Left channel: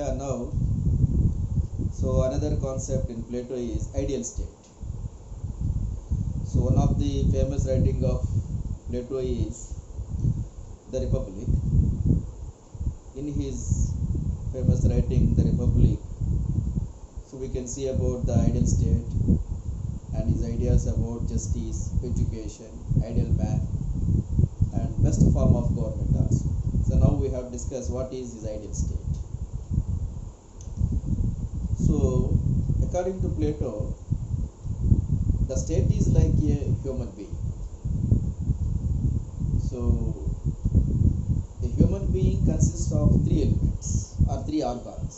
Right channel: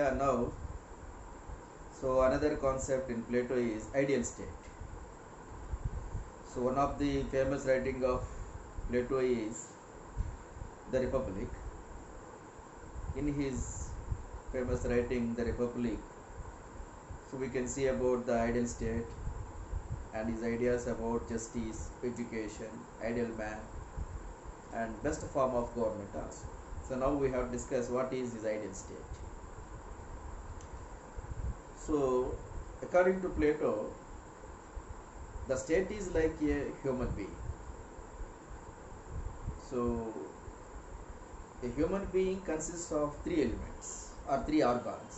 Yeah, now, so another concept in Plato is ideal state. So one of the famous writing of Plato is the Republic. In his famous writing, the Republic, so we can see about the ideal state and his ideas about justice, education, ideal man, and best form of government also. So now we have discussed what is his ideal state. So according to Plato, the state is like a human being. So a human being consists of three elements or three organs.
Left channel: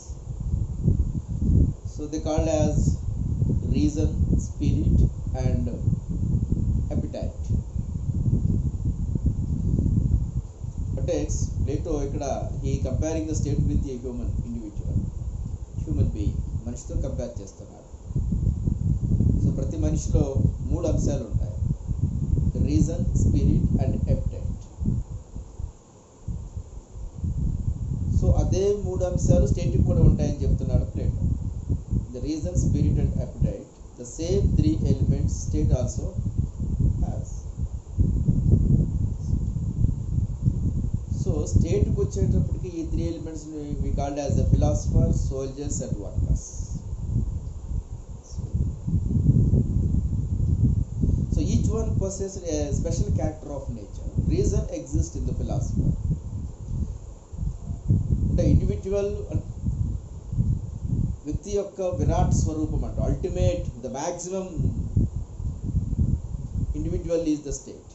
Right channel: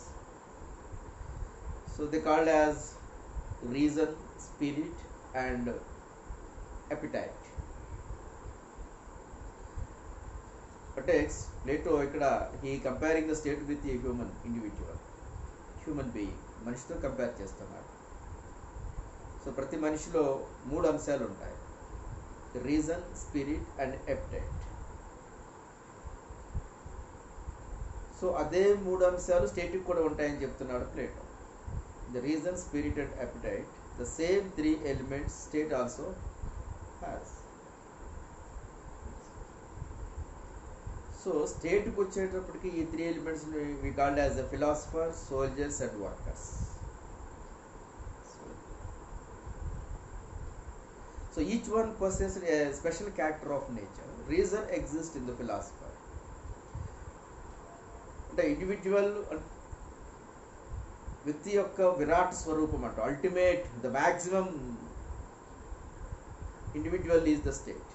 So they called as reason, spirit, and appetite. But Plato ఇక్కడ he comparing the state with a human individual, human being, మనిషితో compare చేస్తున్నాడు. So ప్రతి మనిషిలో మూడు అంశాలు ఉంటాయి: reason, spirit and appetite. So అదే మూడు అంశాలు స్టేట్కి కూడా ఉంటాయని చెప్తున్నాడు Plato. The reason, spirit and appetite, the same three elements state also has. So స్టేట్కి వచ్చేటప్పటికి ఈ three elements we called as the philosopher, soldiers and workers. So each one possesses a special character of nature. Reason exists in the philosopher. అంటే individual వ్యక్తి యొక్క విరాట్ స్వరూపం అంట, ultimate, the maximum individual is the state.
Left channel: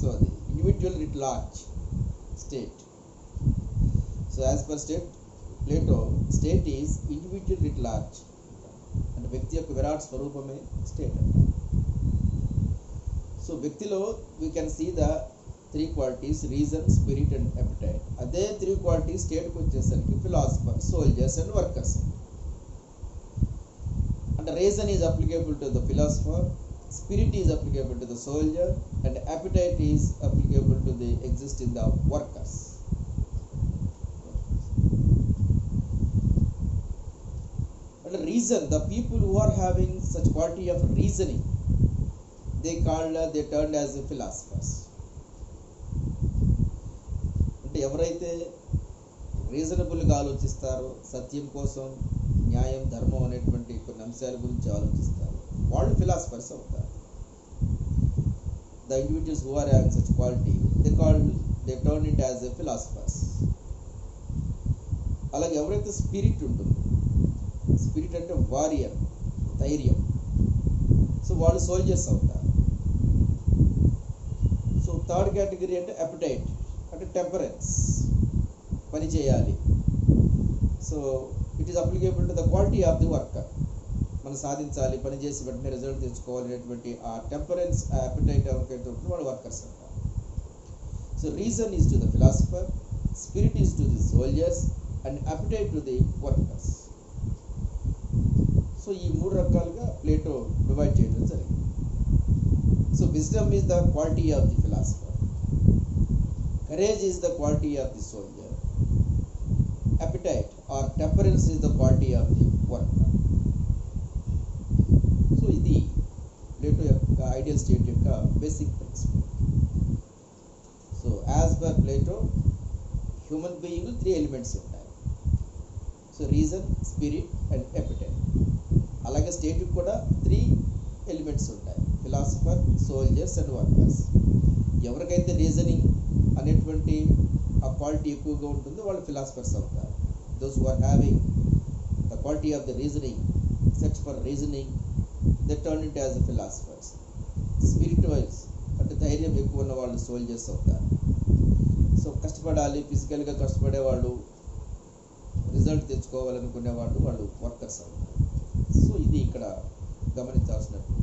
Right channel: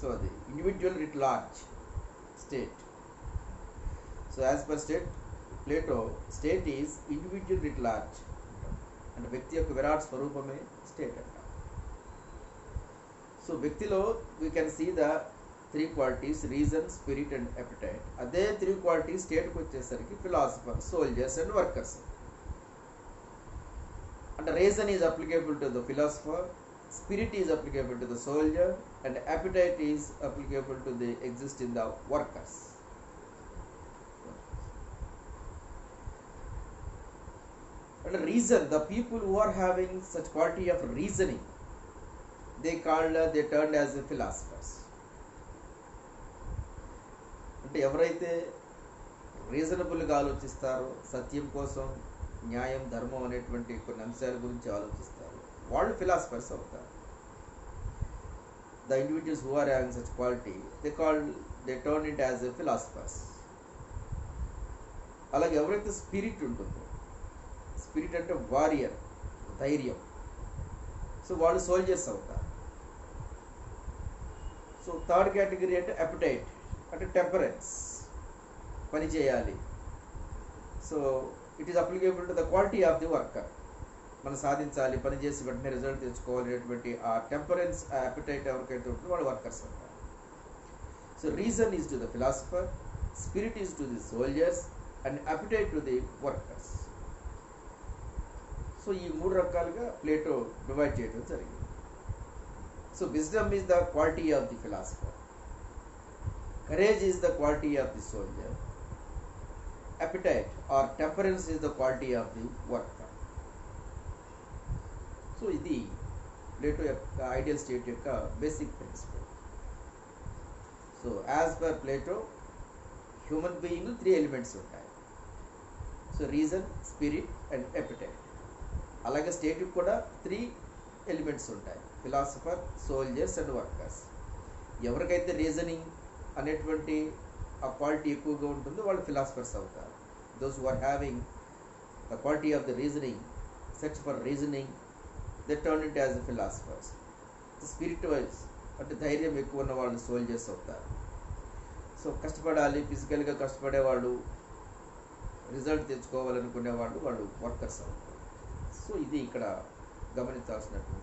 So అది individual writ large state. So as per state Plato, state is individual writ large అంటే వ్యక్తి యొక్క విరాట్ స్వరూపమే స్టేట్ అంట. సో వ్యక్తిలో we can see the three qualities: reason, spirit and appetite. అదే three qualities స్టేట్కి వచ్చేసరికి ఫిలాసఫర్, సోల్జర్స్ అండ్ వర్కర్స్. అంటే reason is applicable to the philosopher, spirit is applicable to the soldier, and appetite is applicable to the exist in the workers. And reason, the people who are having such quality of reasoning, they turned as philosophers. అంటే ఎవరైతే రీజనబుల్గా ఆలోచిస్తారో, సత్యం కోసం, న్యాయం, ధర్మం అనేటువంటి కొన్ని అంశాల గురించి ఆలోచిస్తారు, వాళ్ళు ఫిలాసఫర్స్ అవుతారు. The individuals who are having such quality they turn it as a philosophers. అలాగే ఎవరైతే స్పిరిట్ ఉంటుందో, స్పిరిట్ అంటే వారియర్, ధైర్యం, సో వాళ్ళు సోల్జర్స్ అవుతారు. సో థర్డ్ కేటగిరీ అంటే అపిటైట్ అంటే టెంపరెన్స్, పని చేయాలి. So it is applicable to the quality of the worker. మనం సాధించాలి, పని చేసి వెంటనే రిజల్ట్ తెచ్చుకోవాలి అనేటువంటి ఆ టెంపరెన్స్, ఆ అపిటైట్ ఎవరికైతే ఉంటుందో వాళ్ళు వర్కర్స్ అంటారు. So reason is to the philosopher, spirit is to the soldiers and appetite to the workers. So ఈ మూడు రకాలుగా ప్లేటో డివైడ్ చేయడం జరిగింది. So wisdom is the quality of the philosopher, courage is the quality of the soldier, appetite or temperance is the quality of the worker. So ఇది Plato యొక్క ideal state యొక్క basic principle. So as per Plato human being three elements ఉంటాయి. So reason, spirit and appetite. అలాగే స్టేట్కి కూడా three elements ఉంటాయి: philosopher, soldiers and workers. ఎవరికైతే reasoning అనేటువంటి ఆ క్వాలిటీ ఎక్కువగా ఉంటుందో వాళ్ళు ఫిలాసఫర్స్ అవుతారు. Those who are having the quality of the reasoning, search for reasoning, they turn it as philosophers. Spirit wise అంటే ధైర్యం ఎక్కువ ఉన్న వాళ్ళు సోల్జర్స్ అవుతారు. సో కష్టపడాలి, ఫిజికల్గా కష్టపడేవాళ్ళు, రిజల్ట్ తెచ్చుకోవాలనుకునేవాళ్ళు వాళ్ళు వర్కర్స్ అవుతారు. సో ఇది ఇక్కడ గమనించాల్సినట్టు.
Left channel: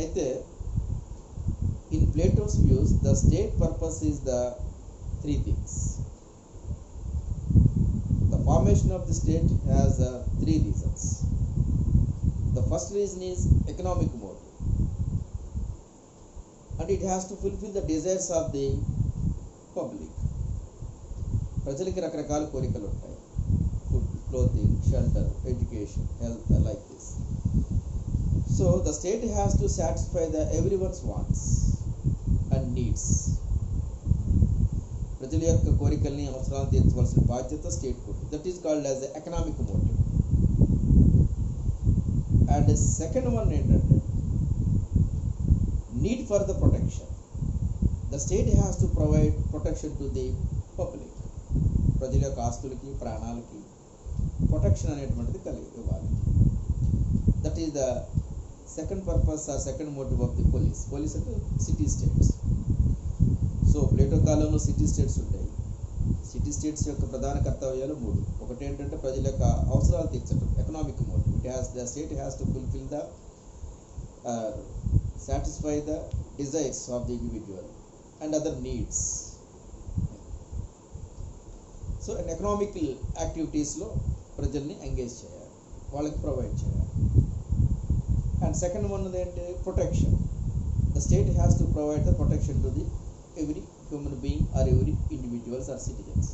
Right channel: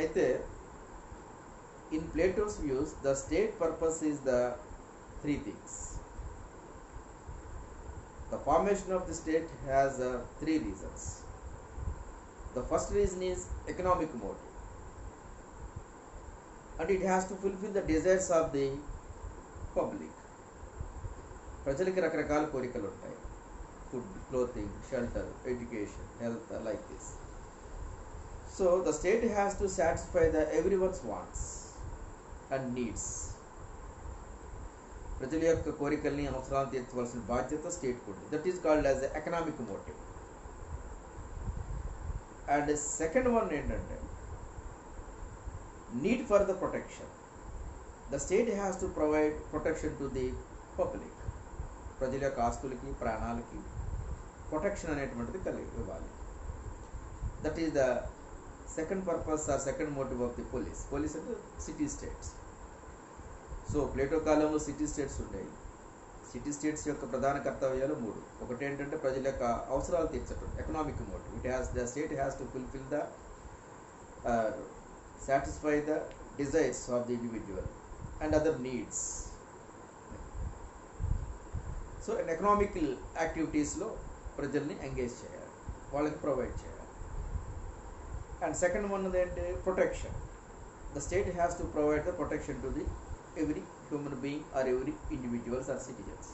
అయితే in Plato's views, the state purpose is the three things. The formation of the state has three reasons. The first reason is economic motive, and it has to fulfill the desires of the public. ప్రజలకి రకరకాల కోరికలు ఉంటాయి. Food, clothing, shelter, education, health, like this. So the state has to satisfy the everyone's wants and needs. ప్రజల యొక్క కోరికల్ని, అవసరాలను తీర్చవలసిన బాధ్యత స్టేట్ ఉంటుంది. That is called as economic motive. And second one ఏంటంటే need for the protection. The state has to provide protection to the public. ప్రజల యొక్క ఆస్తులకి, ప్రాణాలకి ప్రొటెక్షన్ అనేటువంటిది కలిగి ఇవ్వాలి. That is the second purpose or second motive of the polis. Polis అంటే city states. So Plato కాలంలో సిటీ స్టేట్స్ ఉంటాయి. సిటీ స్టేట్స్ యొక్క ప్రధాన కర్తవ్యాలు 3. ఒకటి ఏంటంటే ప్రజల యొక్క అవసరాలు తీర్చడం, economic motive. The state has to fulfil the satisfy the desires of the individual and other needs. So an economical activities లో ప్రజల్ని ఎంగేజ్ చేయాలి, వాళ్ళకి ప్రొవైడ్ చేయాలి. అండ్ సెకండ్ వన్ ఏంటి, protection. The state has to provide the protection to the every human being or every individuals or citizens.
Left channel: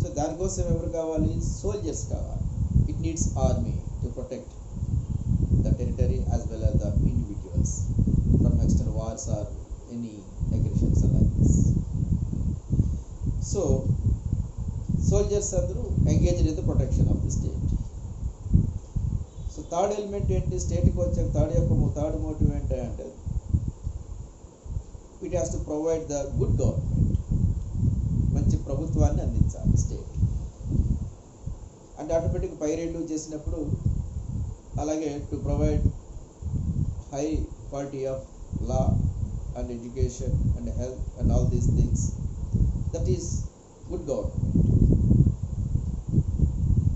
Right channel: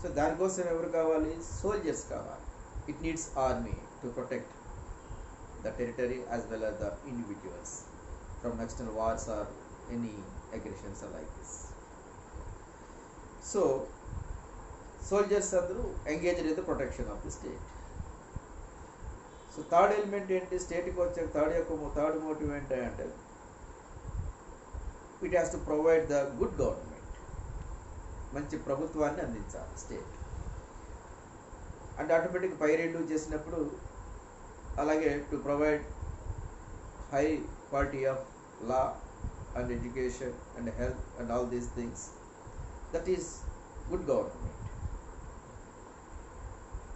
So దానికోసం ఎవరు కావాలి, soldiers కావాలి. It needs army to protect the territory as well as the individuals from external wars or any aggressions like this. So soldiers అందరూ engaged in the protection of the state. So third element ఏంటి, స్టేట్కి వచ్చే third motive ఏంటంటే it has to provide the good government. మంచి ప్రభుత్వాన్ని అందించాలి స్టేట్. అంటే ఆటోమేటిక్ పై రెండు చేసినప్పుడు అలాగే to provide high quality of law and education and health and all these things. That is good government.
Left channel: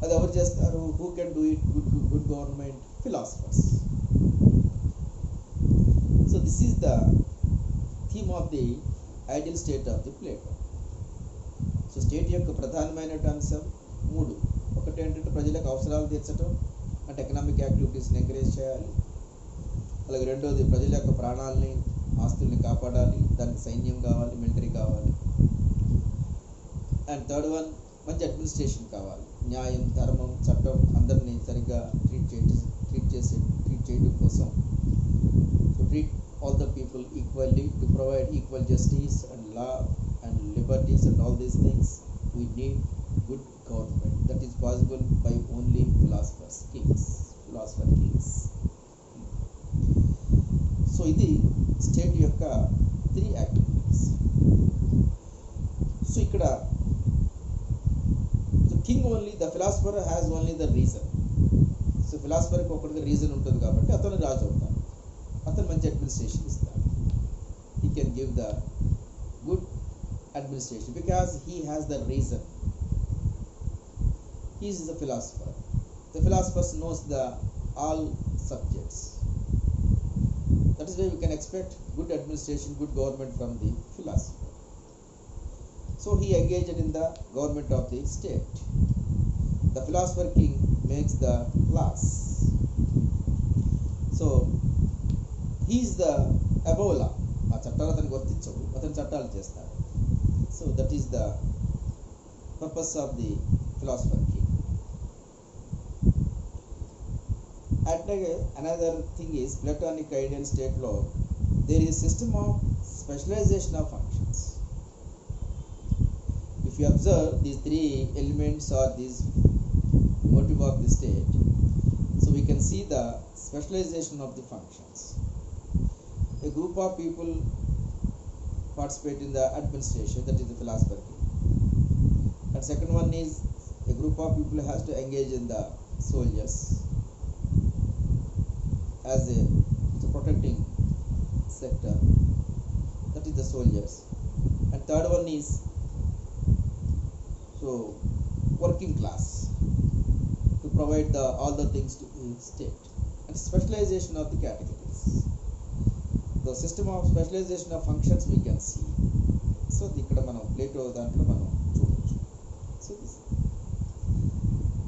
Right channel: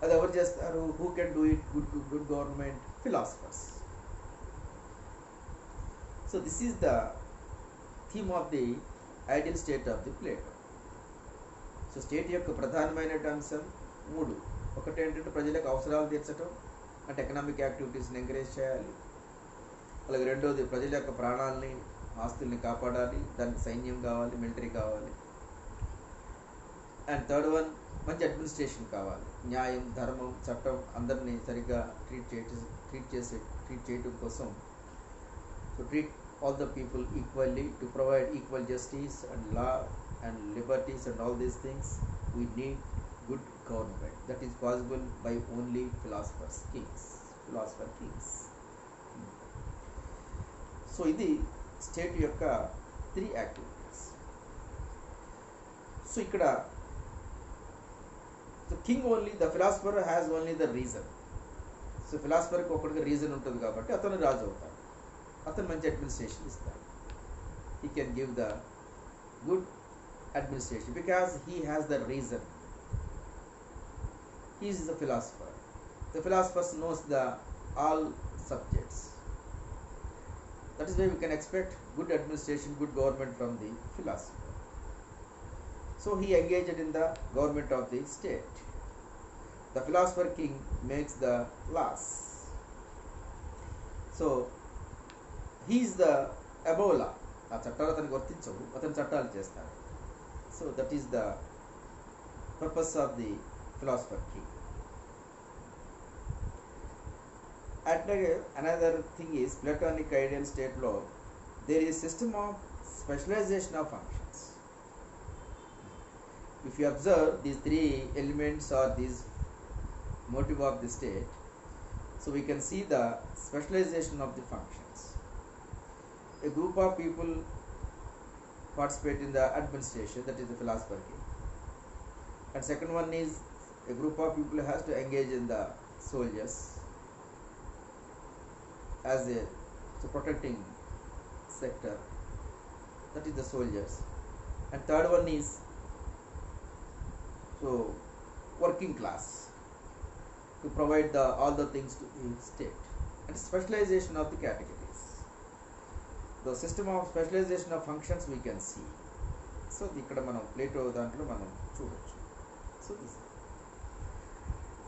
అది ఎవరు చేస్తారు, who can do it good government? Philosophers. So this is the theme of the ideal state of the Plato. So state యొక్క ప్రధానమైన అంశం 3. ఒకటి ఏంటంటే ప్రజలకు అవసరాలు తీర్చడం, అంటే ఎకనామిక్ యాక్టివిటీస్ని ఎంకరేజ్ చేయాలి. అలాగే రెండోది ప్రజల యొక్క ప్రాణాలని, ఆస్తుల్ని కాపాడాలి. దానికి సైన్యం కావాలి, మిలిటరీ కావాలి. అండ్ థర్డ్ వన్, మంచి అడ్మినిస్ట్రేషన్ కావాలి. న్యాయం, ధర్మం, చట్టం అందరినీ సరిగ్గా ట్రీట్ చేయడం కోసం to treat all the people equally, to provide equal justice and law and liberties and all these things. We need good government. That is possible by only philosopher kings. So ఇది స్టేట్ యొక్క 3 activities. So ఇక్కడ king only, the philosopher has only the reason. So ఫిలాసఫర్కి ఒకటిగా reason ఉంటుంది కాబట్టి అతను రాజు అవుతాడు. అతను మంచి అడ్మినిస్ట్రేషన్ ఇస్తాడు. He can give the good administration because he has the reason. He is the philosopher. The philosopher knows the all subjects. That is why we can expect good administration, good government from the philosopher. So he engaged in the government of the state. The philosopher king makes the laws. So he is the above law. ఆ చట్టాలు అతనికి వర్తించవు, అతను చట్టాలు చేస్తాడు. So that is the purpose of the philosopher king. And another thing is Platonic ideal state law. There is system of specialization of functions. If you observe these 3 elements or these motive of the state, so we can see the specialization of the functions. A group of people participate in the administration, that is the philosopher king. And second one is a group of people has to engage in the soldiers as a protecting sector, that is the soldiers. And third one is so working class, to provide all the things to the state. And specialization of the categories, the system of specialization of functions we can see. So ikkada manam Plato dantlo manam chudochu. So this,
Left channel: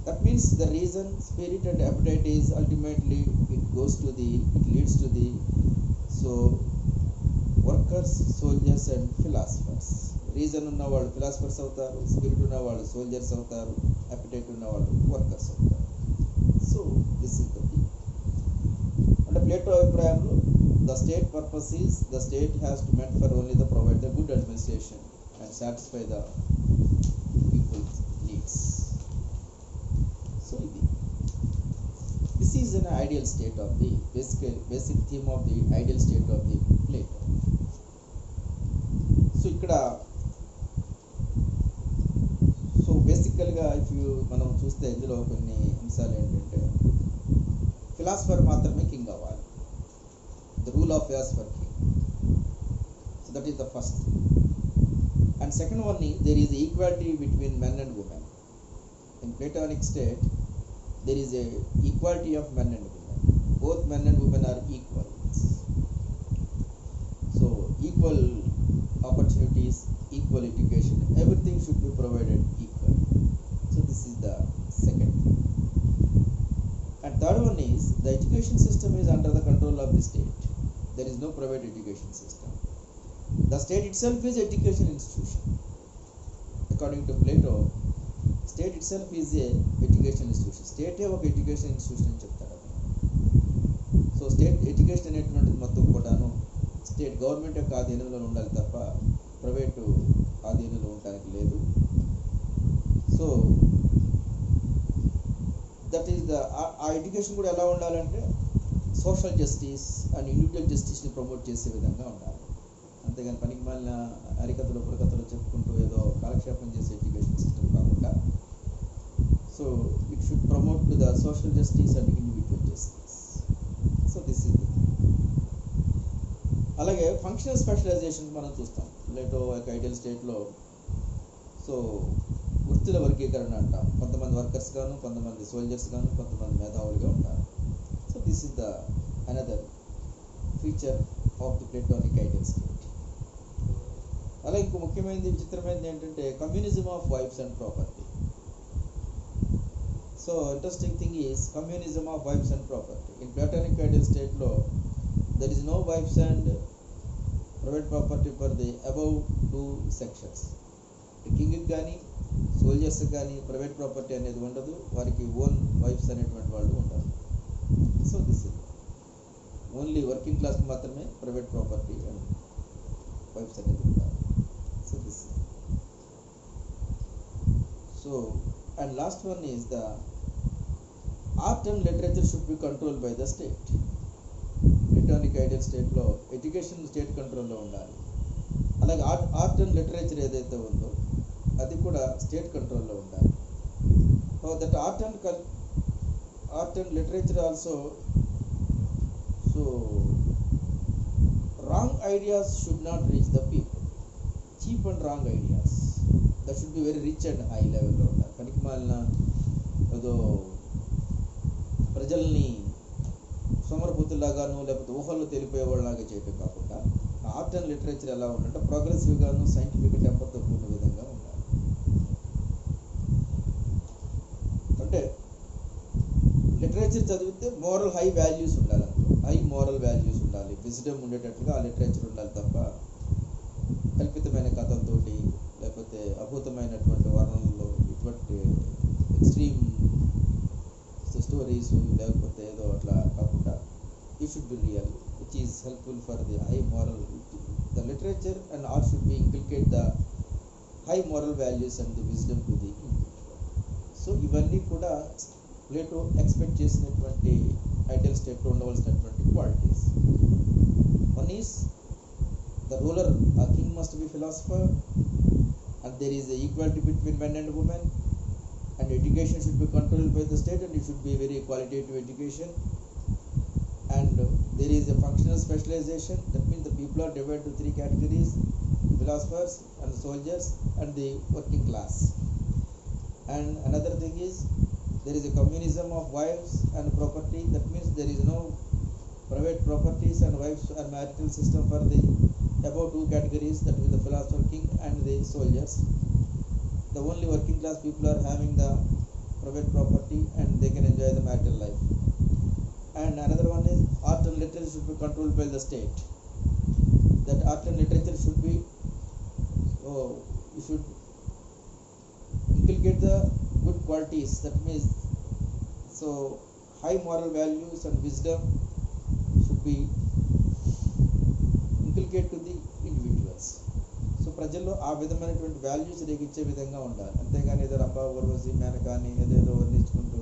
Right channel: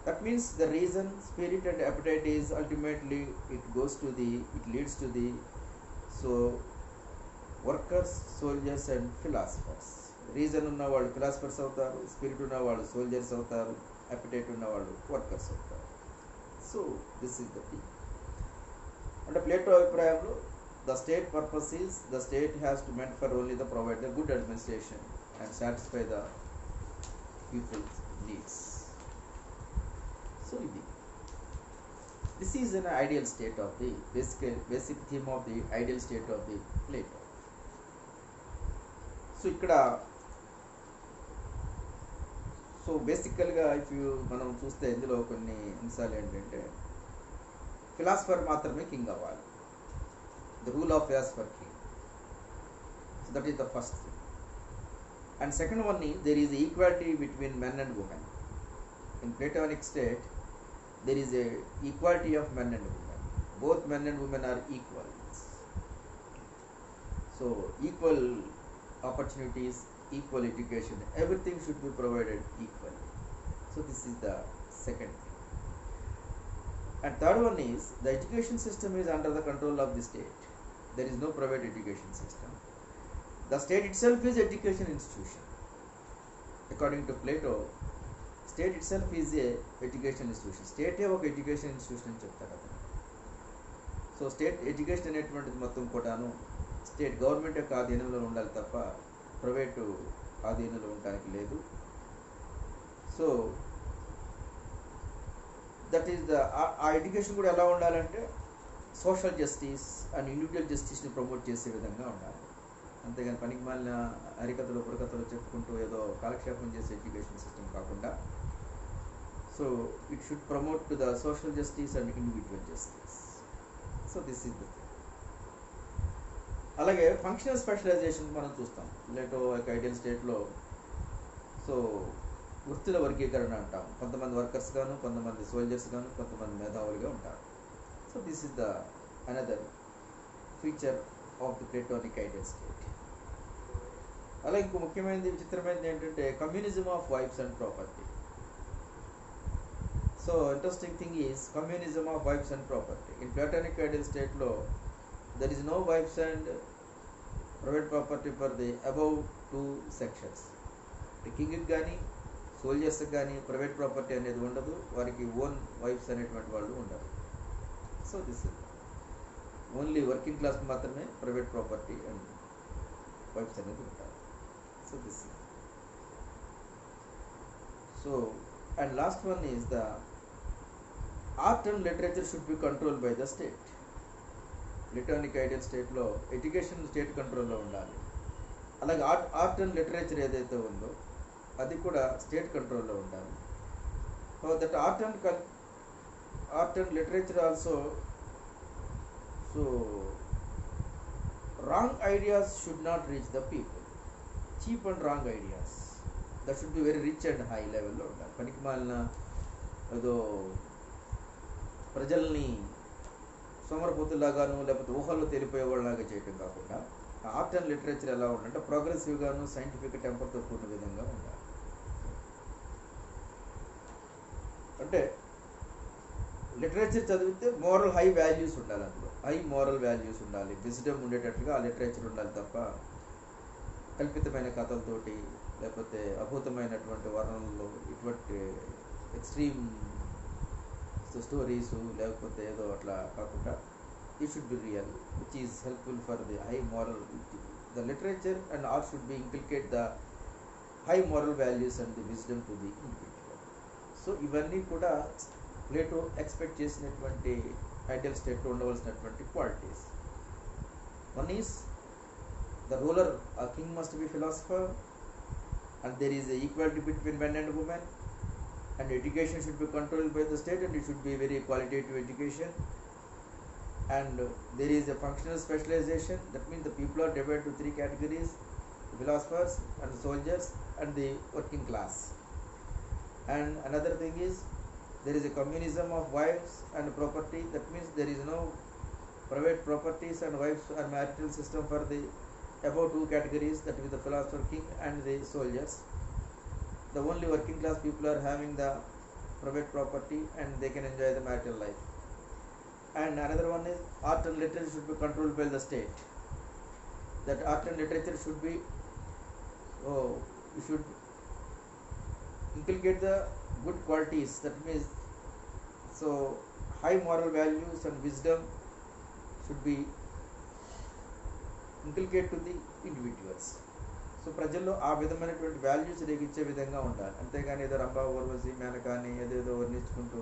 that means the reason, spirit and appetite is ultimately it leads to the so workers, soldiers and philosophers. Reason ఉన్న వాళ్ళు philosophers అవుతారు, స్పిరిట్ ఉన్న వాళ్ళు సోల్జర్స్ అవుతారు, అపిటైట్ ఉన్న వాళ్ళు workers అవుతారు. So this is the thing. అంటే ప్లేటో అభిప్రాయంలో the state purpose is the state has to meant for only the provide the good administration and satisfy the people's needs. So ఇది this is an ideal state of the basic theme of the ideal state of the Plato. So ఇక్కడ సో బేసికల్గా మనం చూస్తే ఇందులో కొన్ని అంశాలు ఏంటంటే ఫిలాసఫర్ మాత్రమే కింగ్ అవ్వాలి, the rule of philosopher king. So that is the first thing. And second one is there is equality between men and women. In platonic state there is a equality of men and women. Both men and women are equals. So equal opportunities, equal education, everything should be provided equally. So this is the second thing. And third one is the education system is under the control of the state. There is no private education system. The state itself is education institution. According to Plato, state itself is a education institution. స్టేటే ఒక education institution అని చెప్తారు అతను. So state education అనేటువంటిది మొత్తం కూడాను state government యొక్క ఆధీనంలో ఉండాలి తప్ప ప్రైవేటు ఆధీనంలో ఉండడానికి లేదు. సో దట్ ఈస్ ద ఆ ఎడ్యుకేషన్ కూడా ఎలా ఉండాలంటే సోషల్ జస్టిస్ అండ్ ఇండివిజువల్ జస్టిస్ని ప్రమోట్ చేసే విధంగా ఉండాలి. అంతేగాని పనికి మాలిన హరికథలు బుర్రకథలు చెప్పుకుంటూ ఏదో కాలక్షేపం చేసే ఎడ్యుకేషన్ సిస్టమ్ కాకుండా so it should promote to the social justice and individual justice. So this is the thing. అలాగే ఫంక్షనల్ స్పెషలైజేషన్ మనం చూస్తాం ప్లేటో యొక్క ఐడియల్ స్టేట్లో. సో వృత్తుల వర్గీకరణ అంటాం. కొంతమంది వర్కర్స్ గాను, కొంతమంది సోల్జర్స్ గాను, కొంతమంది మేధావులుగా ఉంటారు. So this is the another feature of the platonic ideal state. అలాగే ఇంకో ముఖ్యమైనది విచిత్రమైనది ఏంటంటే communism of wives and property. So interesting thing is communism of wives and property. In platonic ideal స్టేట్లో there is no wives and private property for the above 2 sections. కింగ్కి కానీ సోల్జర్స్కి కానీ ప్రైవేట్ ప్రాపర్టీ అనేది ఉండదు, వారికి ఓన్ వైఫ్స్ అనేటువంటి వాళ్ళు ఉండరు. So this is only working క్లాస్కి మాత్రమే ప్రైవేట్ ప్రాపర్టీ అండ్ వైఫ్స్ అనేది ఉంటారు. So this so and last one is the art and literature should be control by the state. Platonic ideal స్టేట్లో ఎడ్యుకేషన్ స్టేట్ కంట్రోల్లో ఉండాలి. అలాగే ఆర్ట్ అండ్ లిటరేచర్ ఏదైతే ఉందో అది కూడా స్టేట్ కంట్రోల్లో ఉండాలి. So that art and literature also so wrong ideas should not reach the people. Cheap and wrong ideas that should be very rich and high level లో ఉండాలి. పనికి మాలిన ఏదో ప్రజల్ని సోమరపోతులాగాను లేకపోతే ఊహల్లో తెలిపోయేవాళ్ళలాగా చేయటం కాకుండా ఆర్ట్ అండ్ లిటరేచర్ ఎలా ఉండాలంటే ప్రోగ్రెసివ్గాను సైంటిఫిక్ టెంపర్తో కూడిన విధంగా ఉండాలి. అంటే లిటరేచర్ చదివితే మోరల్ హై వాల్యూస్ ఉండాలి, అందులో హై మోరల్ వాల్యూస్ ఉండాలి, విజ్డమ్ ఉండేటట్లుగా ఆ లిటరేచర్ ఉండాలి తప్ప కల్పితమైన కథలతోటి లేకపోతే అద్భుతమైనటువంటి వర్ణనలో ఇటువంటి ఎక్స్ట్రీమ్ స్టోరీస్ లేకపోతే ఏదో అట్లా కాకుండా it should be real which is helpful for the high moral. The literature and art should be inculcate the high moral values and the wisdom to the individual. So ఇవన్నీ కూడా Plato expect చేసినటువంటి ideal స్టేట్లో ఉండవలసినటువంటి qualities. One is the ruler king must be philosopher and there is a equality between men and women and education should be controlled by the state and it should be very qualitative education and there is a functional specialization. That means the people are divided to 3 categories: philosophers and soldiers and the working class. And another thing is there is a communism of wives and property. That means there is no private properties and wives and marital system for the above 2 categories, that is the philosopher king and the soldiers. The only working class people are having the private property and they can enjoy the marital life. And another one is art and literature should be controlled by the state. That art and literature should be you should inculcate the good qualities. That means, so high moral values and wisdom should be inculcate to the individuals. So ప్రజల్లో ఆ విధమైనటువంటి వాల్యూస్ రేగించే విధంగా ఉండాలి. అంతేగాని ఏదో రంభా ఊర్వశి మేనకాని ఏదేదో వర్ణించుకుంటూ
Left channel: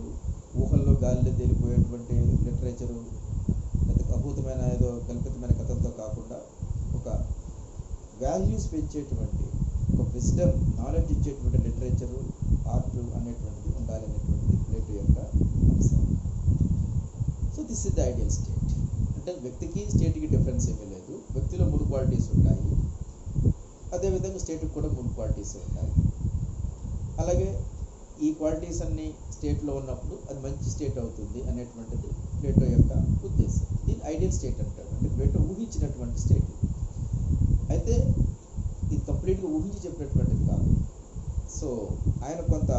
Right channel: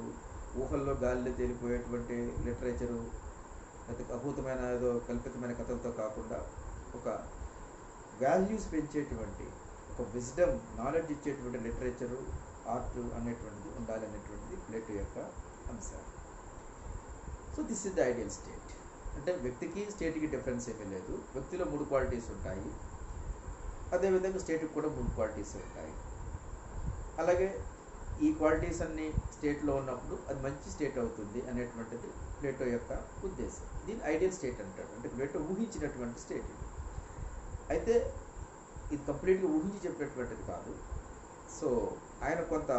ఊహల్లో గాలిలో తేలిపోయేటువంటి లిటరేచరు, అద్భుతమైన ఏదో కల్పితమైన కథలతో కాకుండా ఒక వాల్యూస్ పెంచేటువంటి, ఒక విజ్డమ్ నాలెడ్జ్ ఇచ్చేటువంటి లిటరేచరు, ఆర్ట్ అనేటువంటిది ఉండాలనేటువంటిది ప్లేటో యొక్క అంశం. So this is the ideal state. అంటే వ్యక్తికి స్టేట్కి డిఫరెన్స్ ఏమీ లేదు. వ్యక్తిలో 3 క్వాలిటీస్ ఉంటాయి, అదేవిధంగా స్టేట్కి కూడా 3 క్వాలిటీస్ ఉంటాయి. అలాగే ఈ క్వాలిటీస్ అన్నీ స్టేట్లో ఉన్నప్పుడు అది మంచి స్టేట్ అవుతుంది అనేటువంటిది ప్లేటో యొక్క ఉద్దేశం. దీన్ని ఐడియల్ స్టేట్ అంటాడు. అంటే ప్లేటో ఊహించినటువంటి స్టేట్ ఇది. అయితే ఇది కంప్లీట్గా ఊహించి చెప్పినటువంటిది కాదు. సో ఆయన కొంత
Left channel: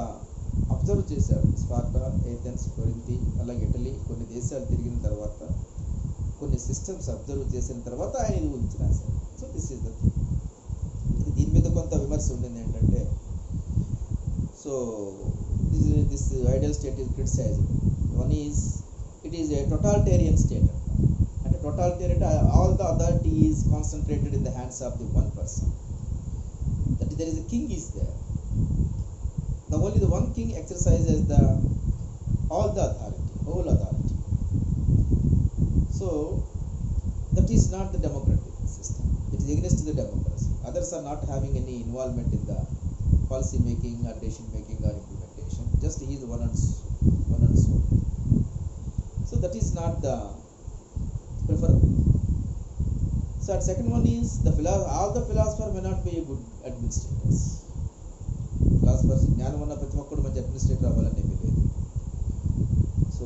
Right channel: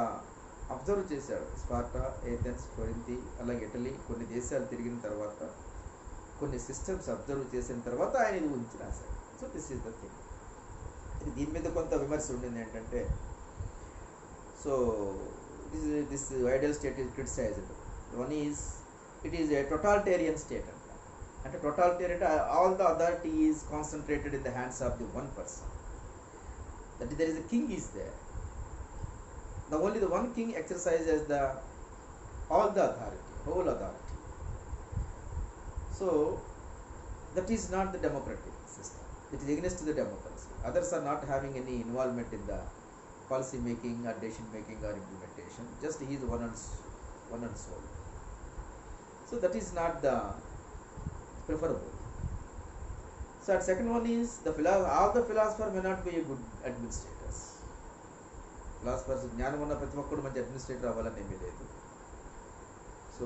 అబ్జర్వ్ చేశాడు. స్పార్టా, ఏథెన్స్, కొరింథీ, అలాగే ఇటలీ, కొన్ని దేశాలు తిరిగిన తర్వాత కొన్ని సిస్టమ్స్ అబ్జర్వ్ చేసిన తర్వాత ఆయన ఇది ఊహించి రాశాడు. So this is the thing. దీని మీద కొంత విమర్శ ఉండింది ఏంటంటే, so this ideal state is criticized. One is it is a totalitarian state అంట. అంటే టోటాలిటేరియన్ అంటే all the authority is concentrated in the hands of the one person. That there is a king is there. Only the one king exercises all the authority, whole authority. So that is not the democratic system. It is against the democracy. Others are not having any involvement in the policy making or decision making or implementation. Just he is one and soul. So that is not the preferable. So at second one is all the philosophers may not be a good administrators. Philosophers జ్ఞానం ఉన్న ప్రతి ఒక్కడు మంచి అడ్మినిస్ట్రేటర్ అవ్వాలని ఏమీ లేదు. సో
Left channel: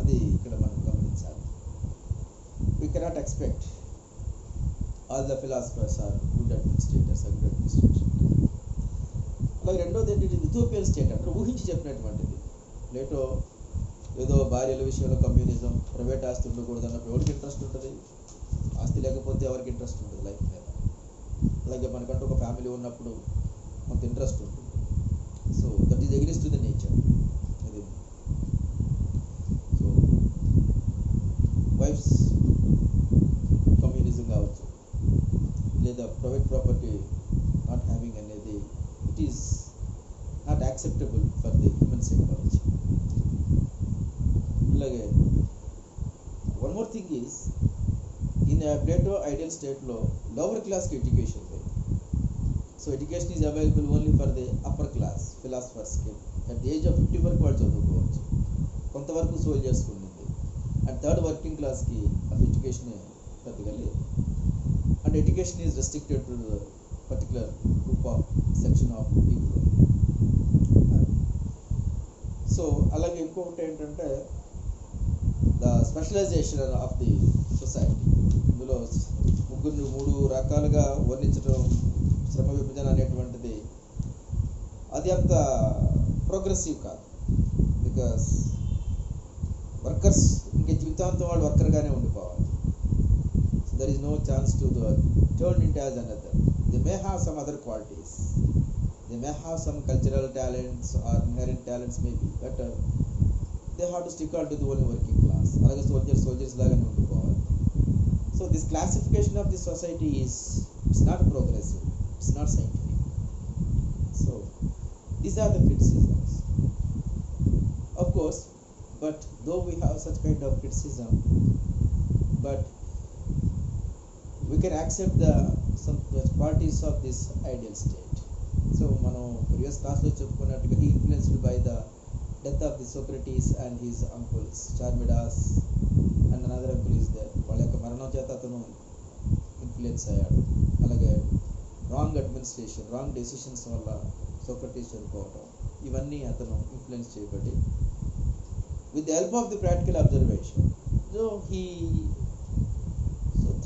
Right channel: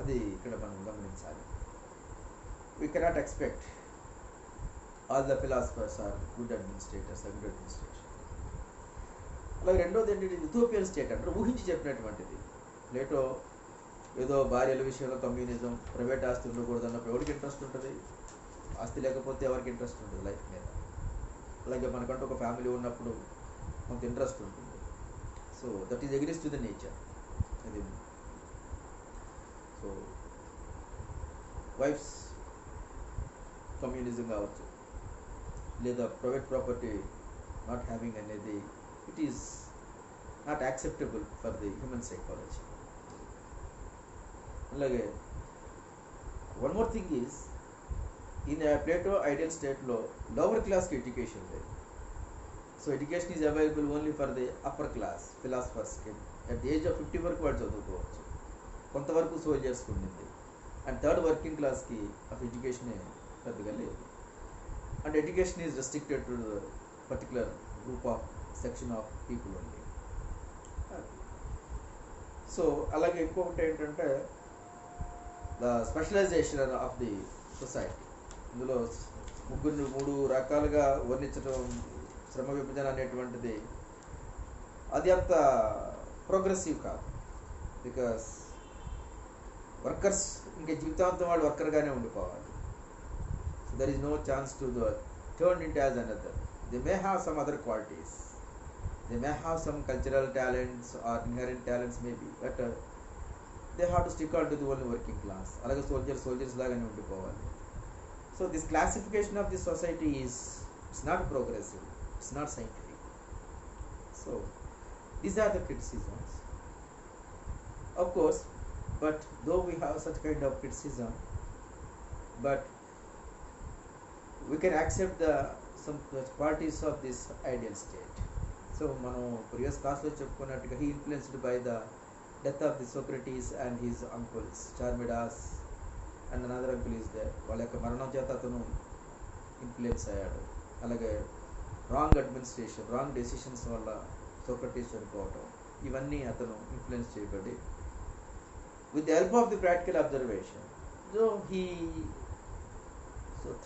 అది ఇక్కడ మనం గమనించాలి. We cannot expect all the philosophers are good administrators or good administration. అలాగే రెండోది ఏంటంటే యూటోపియన్ స్టేట్ అంటే ఊహించి చెప్పినటువంటిది. ప్లేటో ఏదో భార్యల విషయంలో కమ్యూనిజం, ప్రైవేట్ ఆస్తి ఉండకూడదు అన్నప్పుడు ఎవరికి ఇంట్రెస్ట్ ఉంటుంది? ఆస్తి లేకపోతే ఎవరికి ఇంట్రెస్ట్ ఉంటుంది లైఫ్ మీద. అలాగే మనకంటూ ఒక ఫ్యామిలీ ఉన్నప్పుడు కొంత ఇంట్రెస్ట్ ఉంటుంది. So that is against to the nature. అది సో వైఫ్స్ కమ్యూనిజం కావచ్చు, లేదా ప్రైవేట్ ప్రాపర్టీ నాట్ హ్యావింగ్ అనేది it is not acceptable for the human psychology. అలాగే one more thing is in Plato ideal స్టేట్లో లోవర్ క్లాస్కి education లేదు. So education is available only for the upper class ఫిలాసఫర్స్కి. At the age of 50 వరకు వాళ్ళు చదువుకోవచ్చు, కొంతవరకు సోల్జర్స్కి ఉండింది. అండ్ థర్డ్ వర్కింగ్ క్లాస్కి ఆఫ్ ఎడ్యుకేషన్ పెద్దగా లేదు. And education is restricted to particular group of section of people only. So అలాగే ఇంకొకటి ఏంటంటే the specialisation of the society. ఇందులో ముగ్గురిని 3 రకాలుగా వర్ణించడం, శ్రమ విభజన అనేటువంటిది అది అంత ప్రోగ్రెసివ్ కాదు. బికాస్ వర్కర్స్ ఇంకా జీవితాంతం వాళ్ళు వర్కర్గానే ఉండిపోవాలి. So there is no chance to turn it as another. They may have some other qualities, they may have some cultural talents or inherent talents maybe, but they have to stick on to the only working class. అలాగే soldiers లాగానే ఉండిపోవాలి. So this classification of this society is it's not progressive, it's not scientific. So these are the criticisms, of course, but though we have such kind of criticism, but we can accept some qualities of this ideal state. So మనం previous class లో చెప్పుకున్నట్టుగా he influenced by the death of the Socrates and his uncles Charmidas and another uncle is there. వాళ్ళ యొక్క మరణం చేత అతను ఇన్ఫ్లుయెన్స్ అయ్యాడు. అలాగే రాంగ్ అడ్మినిస్ట్రేషన్, రాంగ్ డెసిషన్స్ వల్ల సోక్రటీస్ చనిపోవటం, ఇవన్నీ అతను ఇన్ఫ్లుయెన్స్ చేయబడి with the help of the practical observation he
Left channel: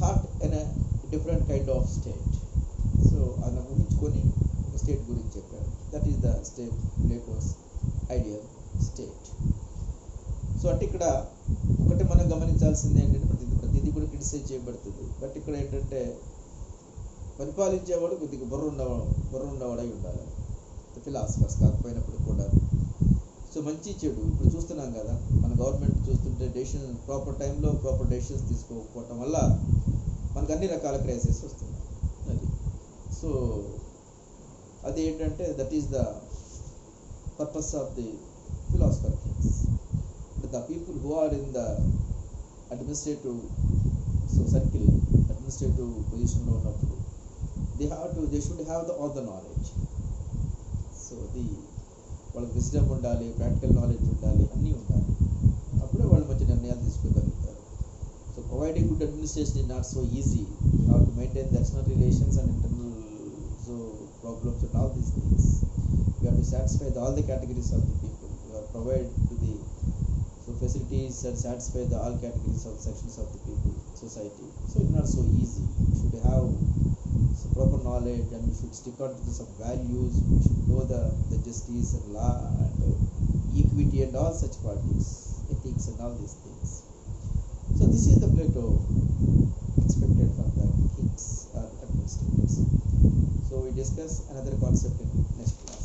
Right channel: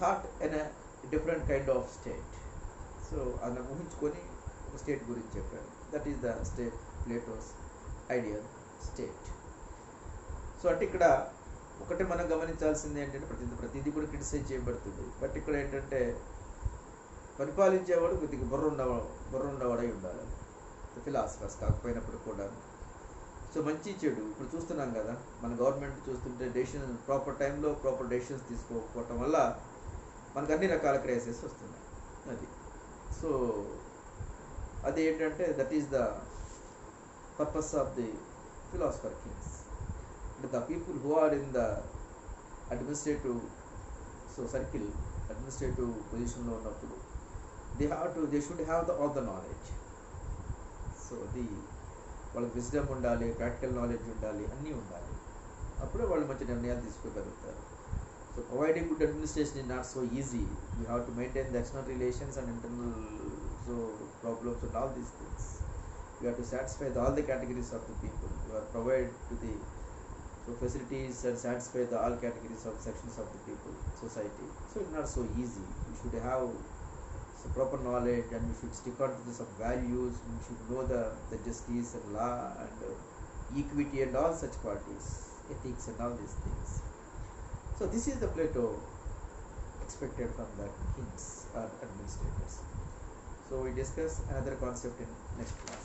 thought in a different kind of state. So అలా ఊహించుకొని ఒక స్టేట్ గురించి చెప్పాడు. That is the state, Plato's ideal state. So అంటే ఇక్కడ ఒకటి మనం గమనించాల్సింది ఏంటంటే ప్రతిదీ కూడా క్రిటిసైజ్ చేయబడుతుంది. బట్ ఇక్కడ ఏంటంటే పరిపాలించేవాడు కొద్దిగా బుర్ర ఉన్నవాడై ఉండాలి. ఫిలాసఫర్స్ కాకపోయినప్పుడు కూడా. సో మంచి చెడు ఇప్పుడు చూస్తున్నాం కదా, మన గవర్నమెంట్ చూస్తుంటే డెసిషన్ ప్రాపర్ టైంలో ప్రాపర్ డెసిషన్స్ తీసుకోకపోవటం వల్ల మనకు అన్ని రకాల క్రైసిస్ వస్తున్నాయి. అది సో అది ఏంటంటే that is the purpose of the philosopher kings. అంటే the people who are in the administrative circle, administrative పొజిషన్లో ఉన్నప్పుడు they should have all the knowledge. So వాళ్ళకి విజ్డమ్ ఉండాలి, ప్రాక్టికల్ నాలెడ్జ్ ఉండాలి, అన్నీ ఉండాలి. అప్పుడే వాళ్ళు మంచి నిర్ణయాలు తీసుకోగలుగుతారు. So providing good administration is not so easy. You have to maintain the external relations and internal problems and all these things. You have to satisfy all the categories of the people. You have to provide to the facilities and satisfy all categories of sections of the people, society. So it's not so easy. You should have proper knowledge, and you should stick on to some values. You should know the justice and law and equity and all such qualities, ethics and all these things. So this is the Plato expected from the kings or administrators. So we discuss another concept in next class.